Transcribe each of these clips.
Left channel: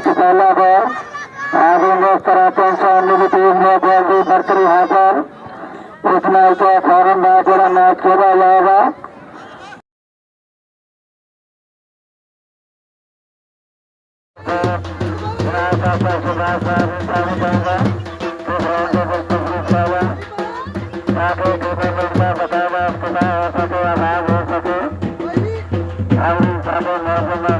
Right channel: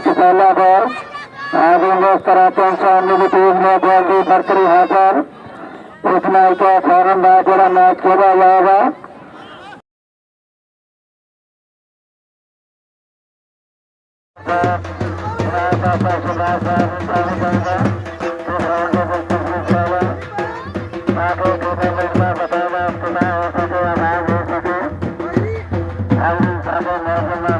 की पहला बॉल आज सामने की टीम में बॉल की बरकरी है पर इतना ही तो फ़ौरन बहुत बड़ा मैच खेला जाएगा आगे टूर्नामेंट में बताया आपको हो सके आवाज़ हो सके अगली सारे नौजवान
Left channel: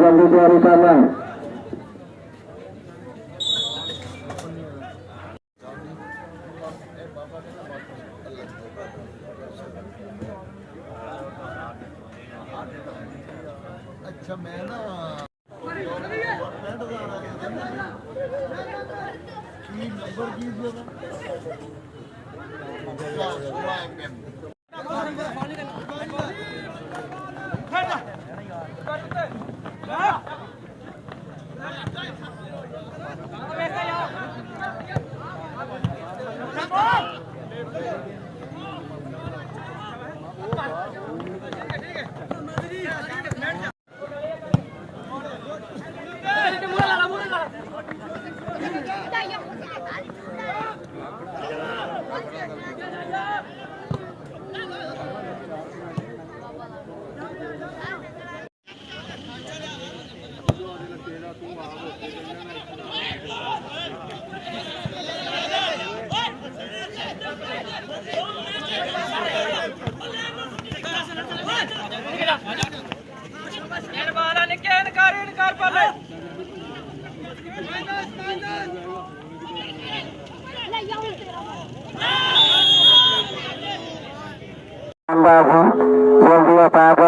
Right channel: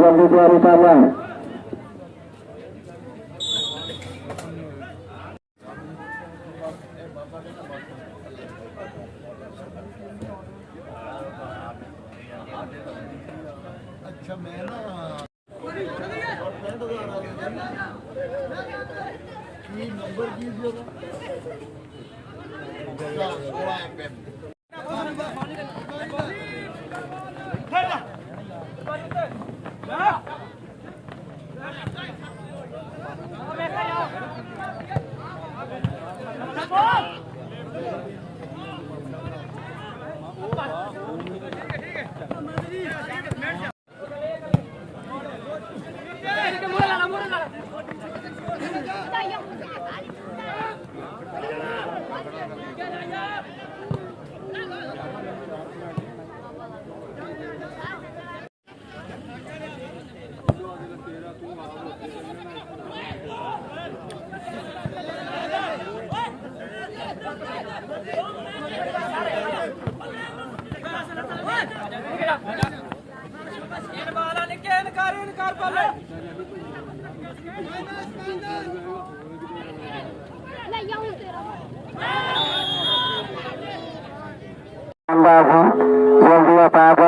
जल्दी तैयारी कर रहे हैं अच्छा मैं बाबू